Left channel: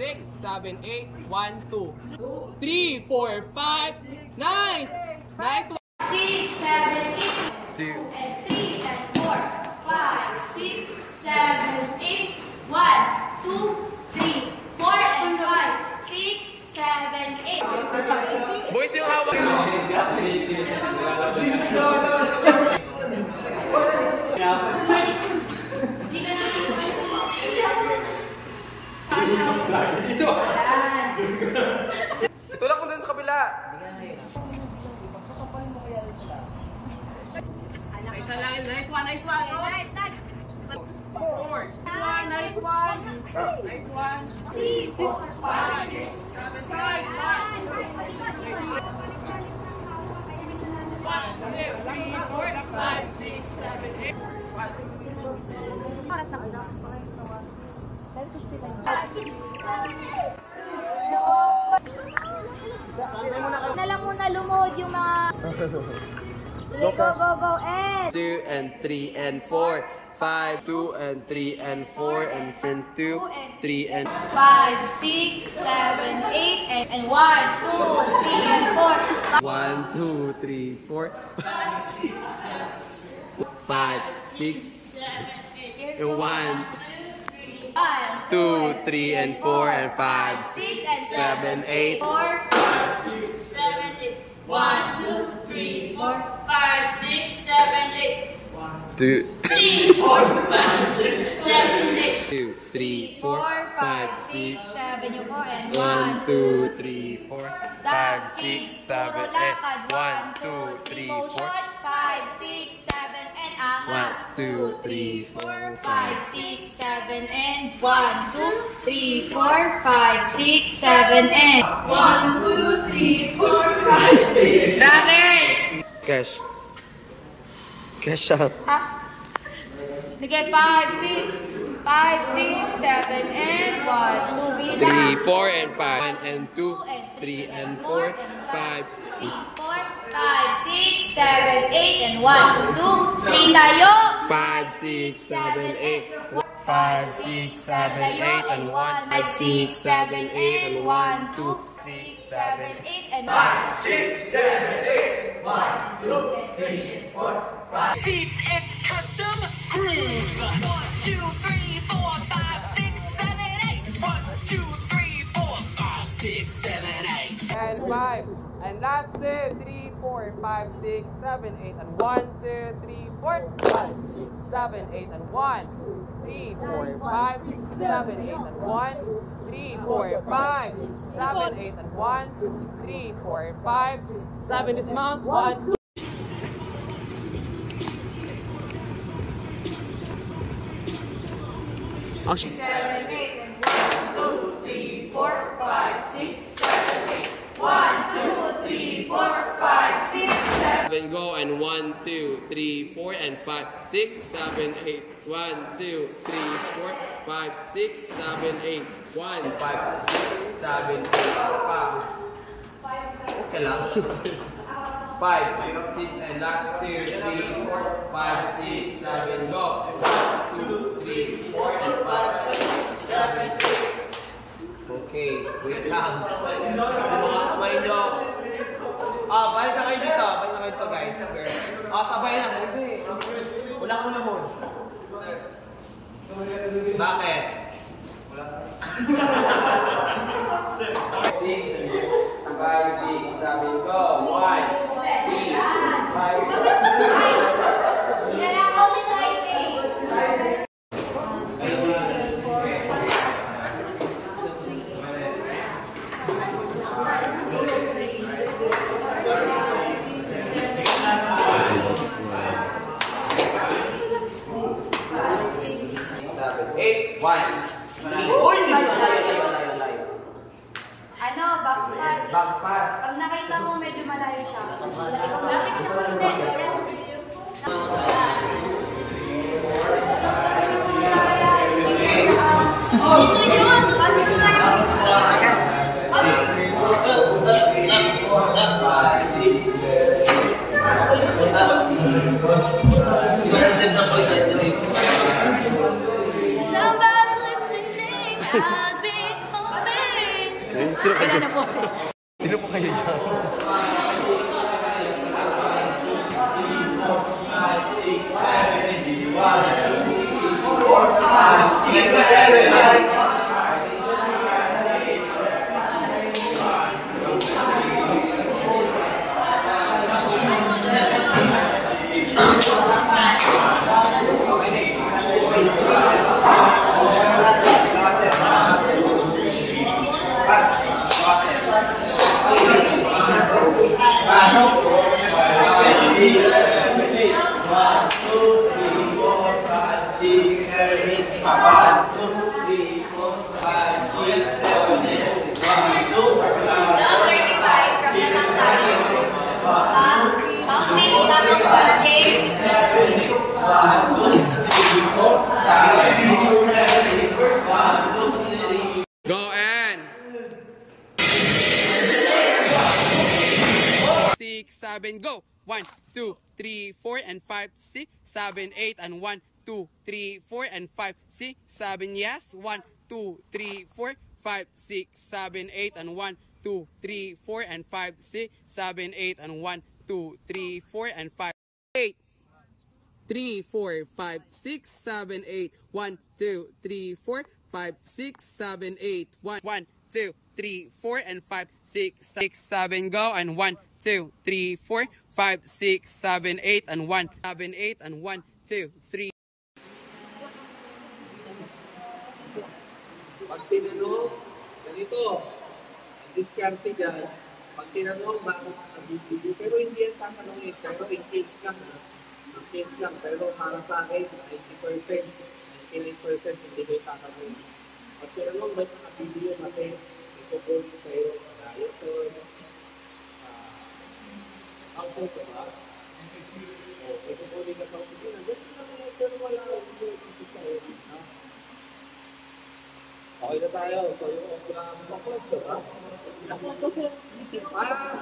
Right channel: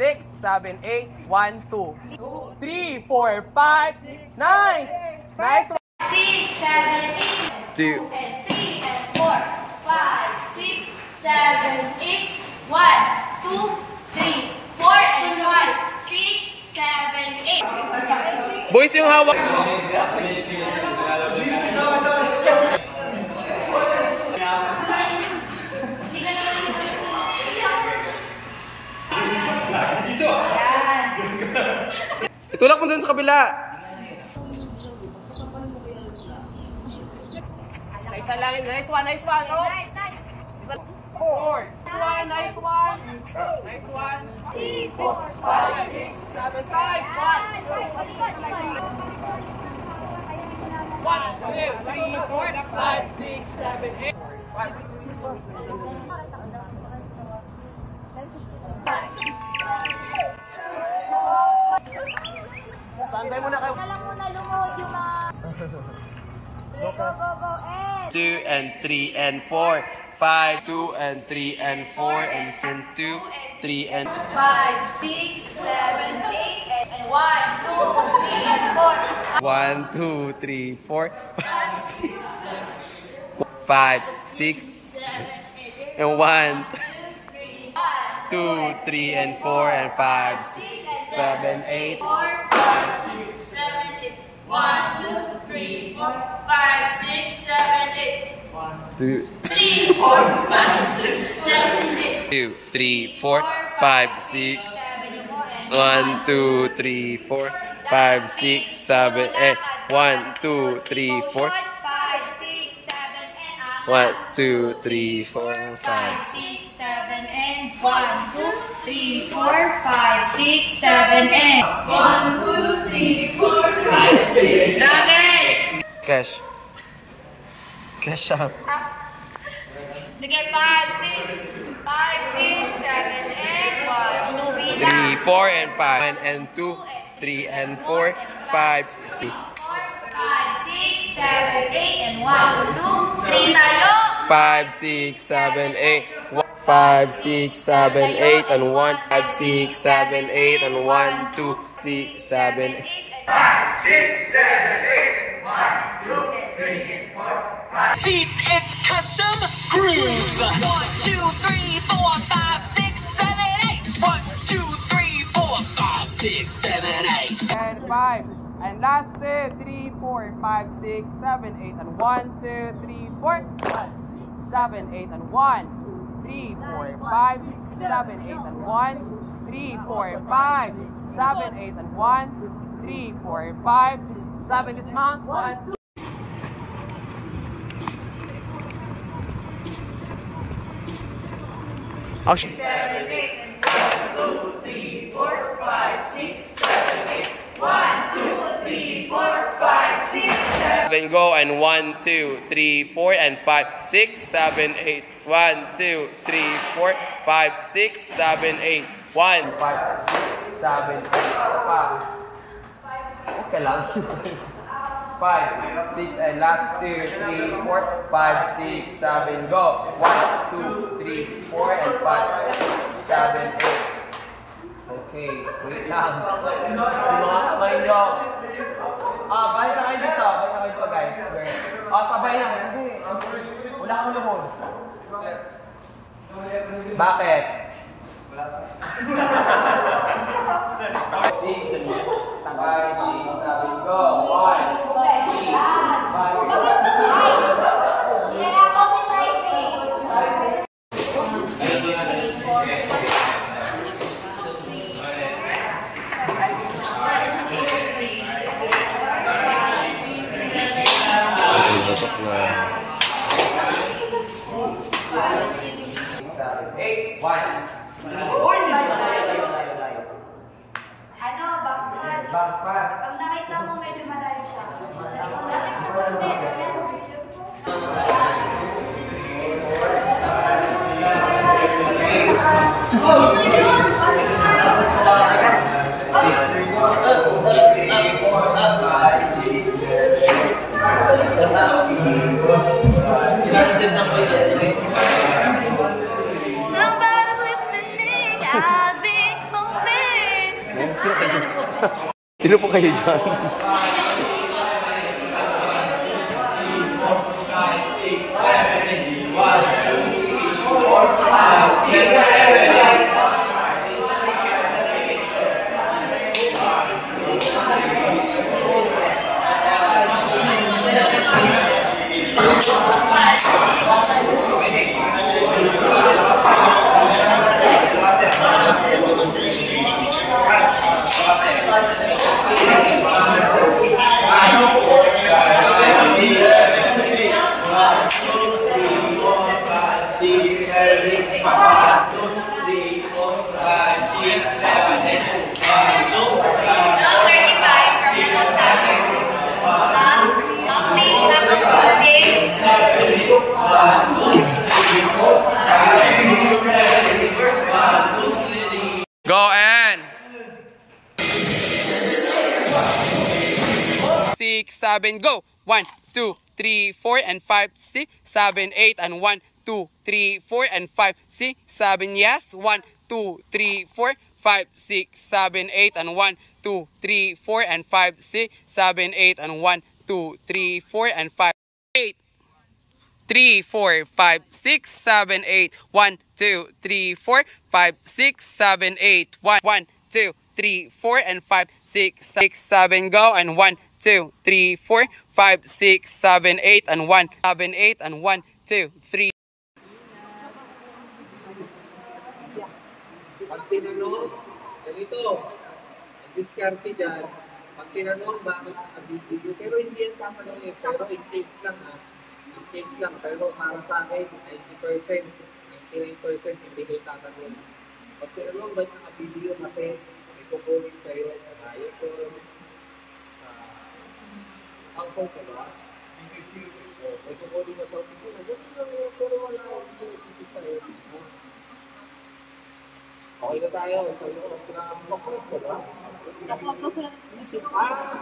Six, seven, eight, 1, 2, 3, 4, 5. Nice! Nice one. 6, 7, 8. 2, 3, and 4, 5, 6, 7, 8. 1, 2, 3, 4, and 5, 6, 7, 8. Boys yung hawak. Itulak mo dun sa kabila. Nice lang, nice one, nice one. Nice, nice. 4, nice one. Nice one. 3, 4, 5, 6, 7, 5. 1, 2, 3, 4, 5, 6, 7, 8. 1, 2, 3, 4, 5, 6, 7, 8. Standby muna kayo. Na lang muna lumuhod yung mga... Go, go, go, and... 2 and 3 and 4, 5, 2 and 3 and 4 and 2, 3 and 5, 6, 7, 8, and 1, 2, 3, 4. 1, 2, 3, 4, 5, 6, 5, 6, and 1, 2, 3 and 4 and 5, 6, 7, 8. 4, 5, 6, 7, 8. 1, 2, 3, 4, 5, 6, 7, 8. 2, 3, 4, 5, 6, 7, 8. 2, 3, 4, 5, 6. 1, 2, 3, 4, 5, 6, 7, 8. 1, 2, 3, 4. 1, 2, 3, 4, 5, 6, 7, and 1, 2, 3, 4, 5, 6, 7, and 1, 2, 3, 4, 5, 6, 7. Cash. Cash out. Sige, 5, 6, 5, 6, 7, and 1, 2, 3, 4, and 5. 1 and 2, 3 and 4, 5, 6. 5, 6, 7, 8, and 1, 2, 3 tayo. 5, 6, 7, 8. 5, 6, 7, 8, and 1. 5, 6, 7, 8, and 1, 2, 6, 7, 8. 5, 6, 7, 8. 1, 2, 3, and 4, 5. Seats, it's custom grooves. 1, 2, 3, 4, 5, 6, 7, 8. 1, 2, 3, 4, 5, 6, 7, 8. And 5. And last 3, 4, 5, 6, 7, 8. And 1, 2, 3, 4, 5, 6, 7, 8. And 1, 3, 4, 5, 6, 7, 8. And 1, 3, 4, 5, 6, 7, 8. And 1, 3, 4, 5, 6, 7. Dismount. 1, 2. Oh, 7, 8, and 1, 2, 3, 4, 5, 6, 7, 8. 1, 2, 3, 4, 5, 6, 7. Go and 1, 2, 3, 4 and 5, 6, 7, 8. 1, 2, 3, 4, 5, 6, 7, 8. 1, 5, 6, 7, 8. Pa. Okay lang. 5, 6 and last 2, 3, 4, 5, 6, 7. Go. 1, 2, 3, 4 and 5, 6, 7, 8. Okay, wait lang. Yung mga kamay nyo. Balik na kayo dito. Balik na kayo dito, guys. Sabay na. Hindi. Wala kang luhod. Bakit? Wala sa 6, 5, 6, 7, go. 1, 3, 5. Inalakaw mo sa face. Uy! Layo. Ano, backspot. Backspot. Pag nakita mo medyo malayo siya. Ikaw na. Somebody listening, I'll be hoping. Sino kayo dyan? Sino po kayo dyan? Go and 6, 7, go. 1, 2, 3, 4 and 5, 6, 7, 8 and 1, 2, 3, 4 and 5, 6, 7. Yes. 1, 2, 3, 4, 5, 6, 7, 8 and 1, 2, 3, 4 and 5, 6, 7, 8 and 1, 2, 3, 4 and 5, 8. 3, 4, 5, 6, 7, 8. 1, 2, 3, 4, 5, 6, 7, 8. 1, 2, 3, 4 and 5, 6, 7. Go and 1, 2, 3, 4, 5, 6, 7, 8 and 1, 7, 8 and 1, 2, 3. Pag tinanong, ganito, ang diskarte dyan, pag tinanong, bakit nakabibigyo? Pero hindi yan tatanungin, pero in case lang ha, in case lang, pero para sa akin, 90%, 99% hindi kayo tatanungin. Pag tinanong, ba't nakabibigyo? Kasi may kukunin kayo sa diet or household ka ba? O, may kukunin ka sa opisina, ganito lang yan, pero wala akong hindi tayo. Okay na tayo. So, yung chocolate ko ba? So, Pak,